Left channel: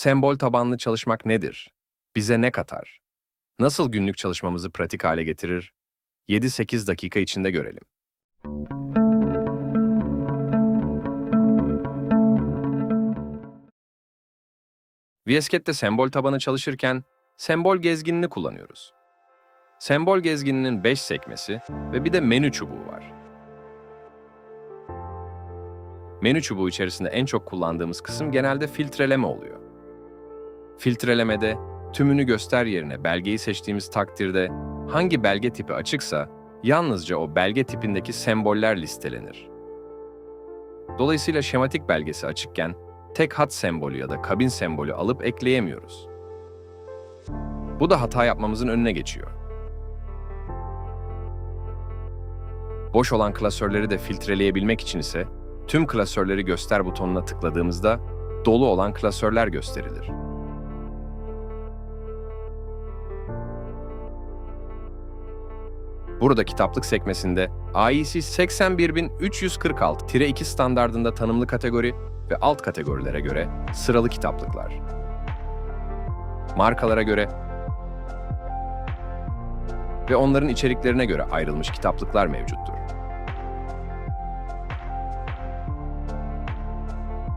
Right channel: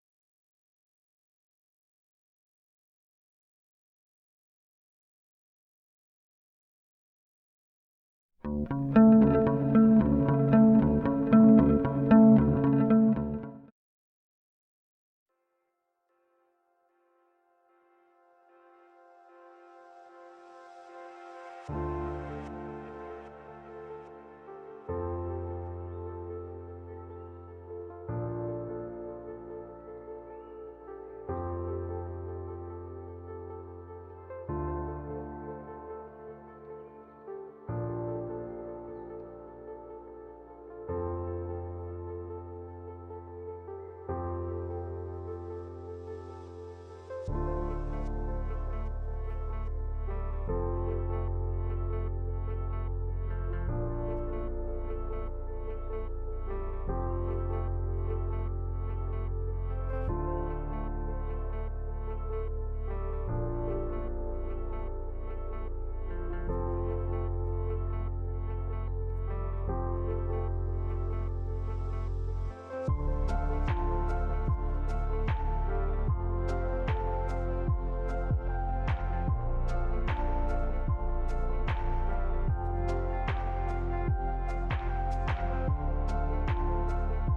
Sembol tabanlı çalışmak nedir? Bize ne katar? Nasıl günlük çalışmamızı pratik hale getirir? 7-8 dakika içinde görelim. VSCAT'te sembol tabanı çalışırken sembol gezginini kullanıyoruz. Sembol gezgininin 5 sekmesi ve bir de menü çubuğu var. Menü çubuğu içerisinde en çok kullandığımız kısım genelde filtreleme oluyor. Filtrelemede tümünü göster yerine belgeyi seçtiğimiz takdirde hangi belge tipi açıksa yalnızca o belge tipindeki semboller listelenir. Dolayısıyla şematik belgesi açıkken tek hat sembolü ya da kabin sembolü alıp ekleyemiyoruz. Bu da hata yapmamızın önüne geçiyor. Boş olan klasörleri de filtreleyebilmek için ise tüm klasörleri göster butonuna tıkladığımızda dolu olan klasörler gösterilir. Burada kitaplık sekmesinde AIC 81346-2 standardında tanımlı kategori ve alt kategorilere göre sıralı kitaplıklar, markalara göre ve onların içeriklerine göre ayrılmış kitaplıklar mevcuttur.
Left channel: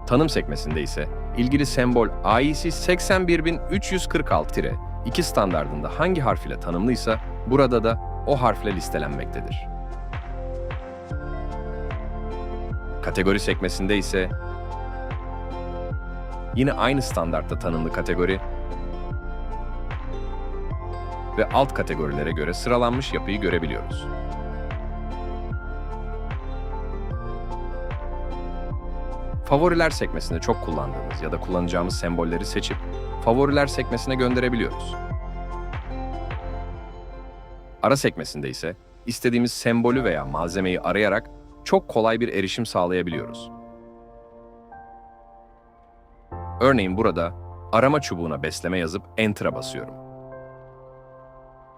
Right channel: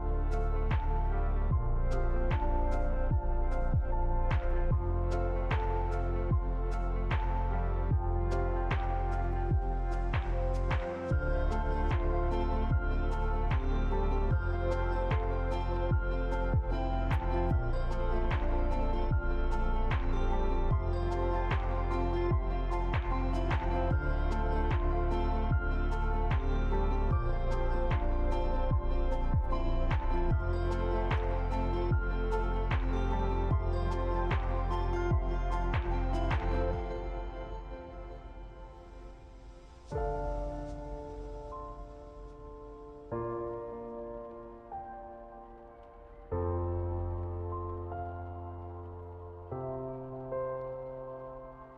Tanım sekmesinde ise ilgili sembol AIC 81346-2 standardında hangi harf ile tanımlıysa burada da o harfle listelenmektedir. Kategori sekmesinde ise yine aynı standartta tanımlı kategori ve alt kategorilere göre sıralanmış yapıyı görebiliyoruz. Favoriler sekmesinde çok kullandığımız ya da kullanacağımız sembolleri seçip favoriler sekmesine gönderebiliyoruz. Ara sekmesinde ise istediğimiz sembolü veya malzemeyi arayarak çok kolay bir erişim sağlayabiliyoruz. Örneğin burada arama çubuğuna besleme yazıp Enter'a basıyorum.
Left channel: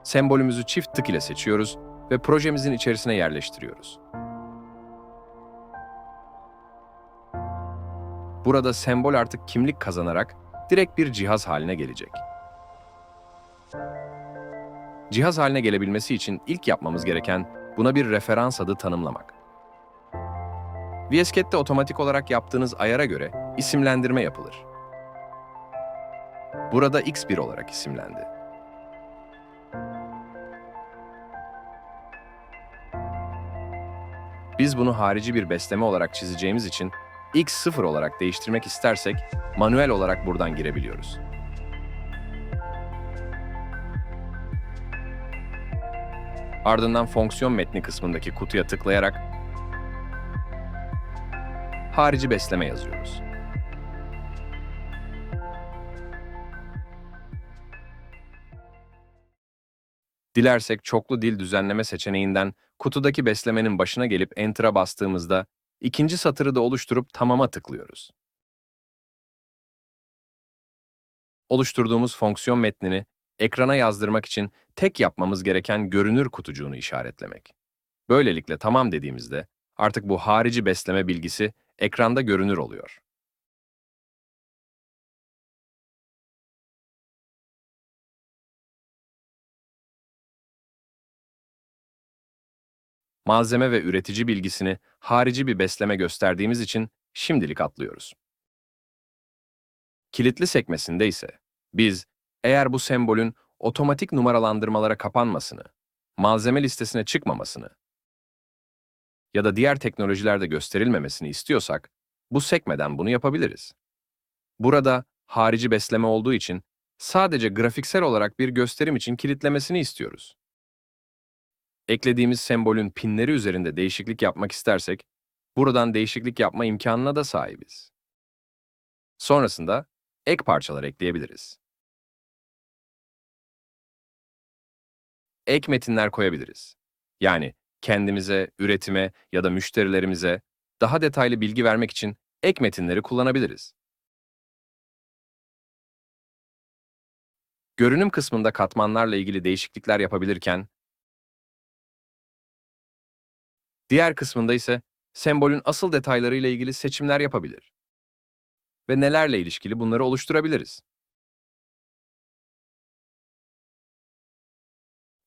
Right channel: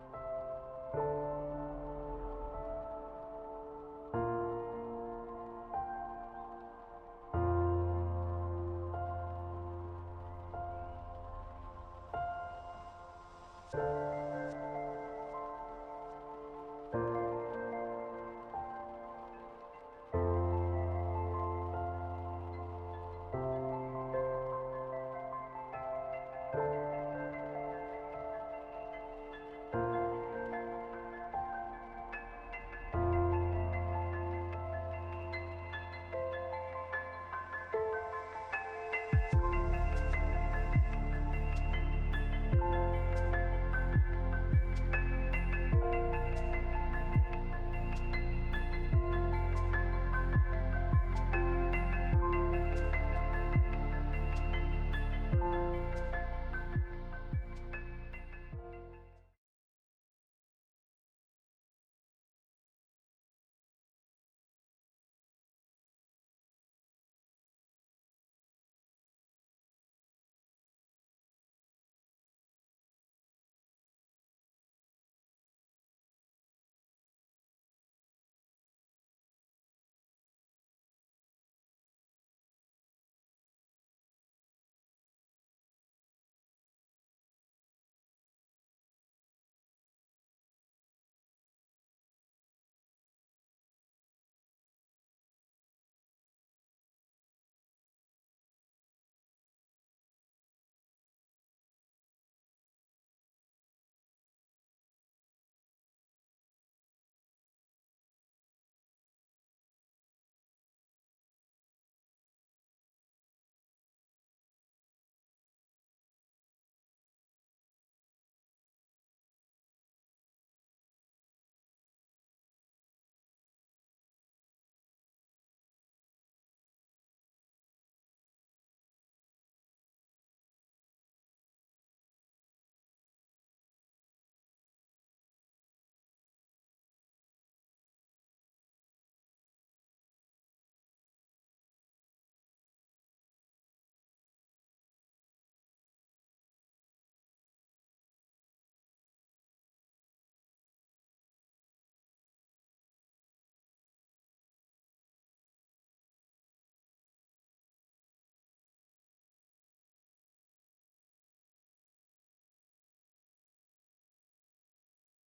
Sembolümüzü çift tık ile seçiyoruz ve projemizin içerisine yerleştiriyoruz. Burada sembol artık kimlik kazanarak direkt bir cihaz haline gelecek. Cihaz haline gelebilmesi için ilk yapmamız gereken buna bir referans adı tanımlamak. VSCAT'te otomatik olarak yaptığınız ayara göre isimlendirme yapılır. Burada X1 olarak isimlendi. Biz bunu harici bir besleme olarak çizeceğimiz için X0 olarak değiştirmek istersek manuel olarak buradan girebiliyoruz. Ardından fonksiyon metni kısmındaki kutuya tıklayarak harici besleme yazıyoruz. Dilersek çoklu dil düzenleme seçeneğinden kutudaki beslemenin başına gelip Enter'a bastığımızda ikinci satırı da oluşturup tamama tıklıyoruz. Oluşturduğumuz fonksiyon metnini ekrana yazdırmak için tek yapmamız gereken görünür kutucuğunu işaretlemek. Böylelikle tamam dediğimizde artık bu harici besleme bilgisi ekranda görünür oluyor. Malzeme ve üretici bilgisini harici bir besleme gösterdiğimiz için şimdilik atlıyoruz. Kilitli sekmesinde ise biz eğer bu sembolün otomatik numaralandırmalara kapanmasını, malzeme listesine çıkmamasını ya da diğer teknolojilerde gösterilmemesini istiyorsak, bu sekmeden bunu yapabiliriz. Burada harici besleme olduğu için sadece grafiksel olarak bir gösterim için kilitlemesini istiyoruz. Eklediğimiz sembolün pinleri üzerinde değişiklik yapmak istersek, buradan değişiklik yapma imkanına da sahibiz. Sonrasında ek parçalar ekleyebiliriz. Ek metinler koyabiliriz. Yani kendimize, üretime ya da müşterilerimize daha detaylı bilgi vermek için ek metinleri kullanabiliriz. Görünüm kısmında katmanlarla ilgili değişiklikler yapabilirken, diğer kısmında ise sembolün asıl detaylarıyla ilgili seçimler yapabilir. ve nelerle ilişkili bunları oluşturabiliriz.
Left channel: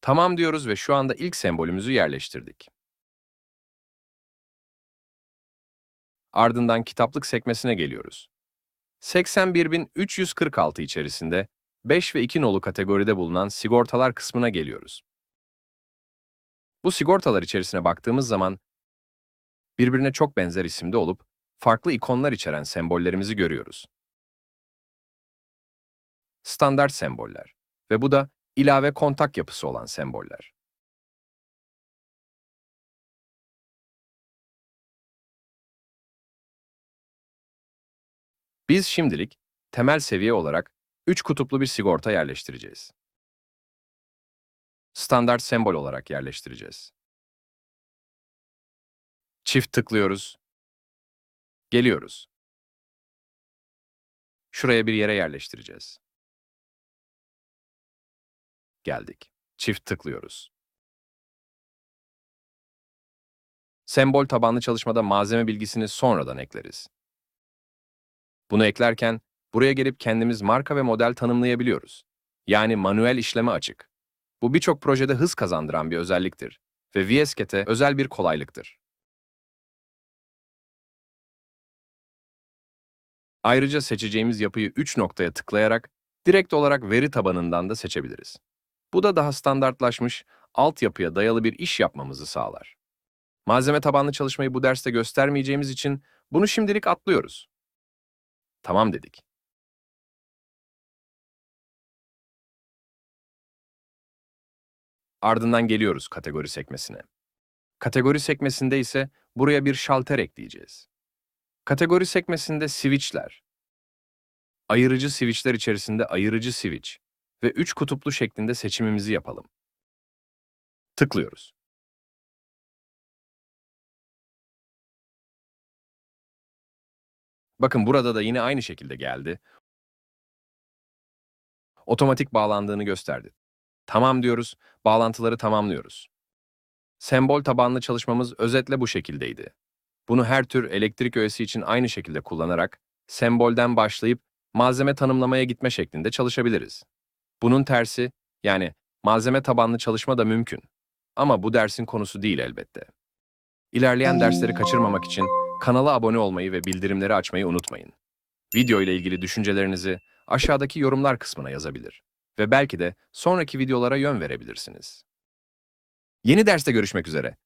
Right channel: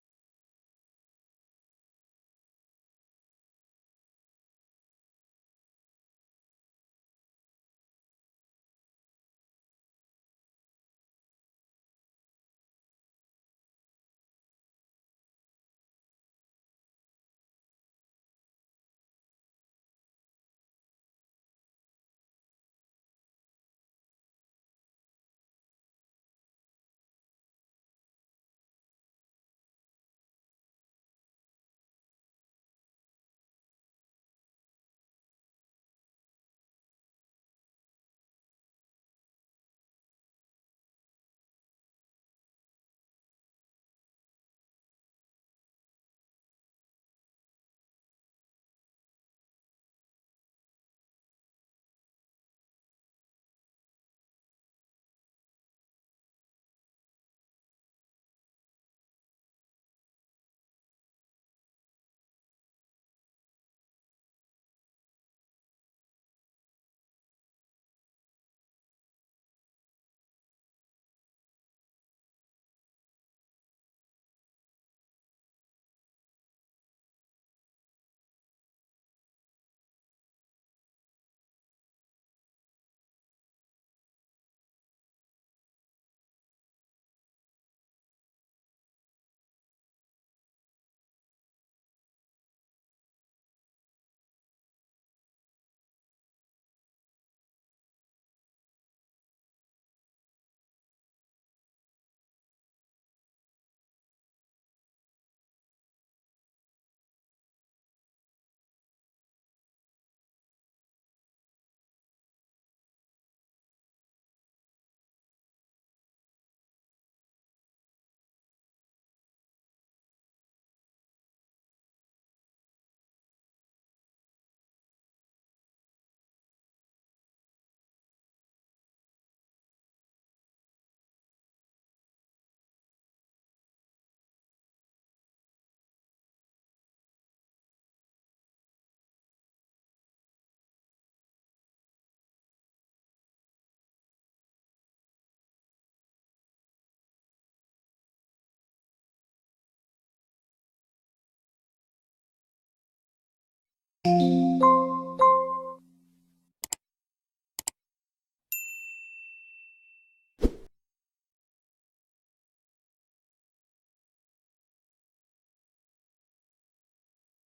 Tamam diyoruz ve şu anda ilk sembolümüzü yerleştirdik. Ardından kitaplık sekmesine geliyoruz. 81.346 içerisinde 5 ve 2 nolu kategoride bulunan sigortalar kısmına geliyoruz. Bu sigortalar içerisine baktığımız zaman birbirine çok benzer isimde olup farklı ikonlar içeren sembollerimizi görüyoruz. Standart semboller ve bu da ilave kontak yapısı olan semboller. Biz şimdilik temel seviye olarak 3 kutuplu bir sigorta yerleştireceğiz. Standart sembol olarak yerleştireceğiz. Çift tıklıyoruz. Geliyoruz. Şuraya bir yere yerleştireceğiz. Geldik. Çift tıklıyoruz. Sembol tabanlı çalışmada malzeme bilgisini sonradan ekleriz. Bunu eklerken buraya gelip kendimiz marka ve model tanımlayabiliyoruz. Yani manuel işleme açık. Bu birçok projede hız kazandıran bir özelliktir ve VSCAT'e özel bir kolaylıktır. Ayrıca seçeceğimiz yapıyı 3 noktaya tıklayarak direkt olarak veri tabanından da seçebiliriz. Bu da daha standartlaşmış, altyapıya dayalı bir iş yapmamızı sağlar. Malzeme tabanlı çalışmayı bu derste göstermeyeceğimiz için bunu şimdilik atlıyoruz. Tamam dedik. Ardından geliyoruz kategori sekmesine. Kategori sekmesinde ise buraya bir şalter ekleyeceğiz. Kategori sekmesinde switchler, ayırıcı switchler içerisinde ayırıcı switch ve üç kutuplu şeklinde seçimimizi yapalım. Tıklıyoruz. Bakın burada da yine aynı şekilde geldi. Otomatik bağlandığını gösterdi. Tamam diyoruz, bağlantıları tamamlıyoruz. Sembol tabanlı çalışmamız özetle bu şekildeydi. Bunu her tür elektrik öğesi için aynı şekilde kullanarak, sembolden başlayıp malzeme tanımlamaya gitme şeklinde çalışabiliriz. Bunun tersi, yani malzeme tabanlı çalışma da mümkün. Ama bu dersin konusu değil elbette. İlerleyen dersleri kaçırmamak için kanala abone olmayı ve bildirimleri açmayı unutmayın. Video ile ilgili düşüncelerinizi aşağıdaki yorumlar kısmına yazabilir ve belki de sonraki videolara yön verebilirsiniz. Yeni derste görüşmek üzere.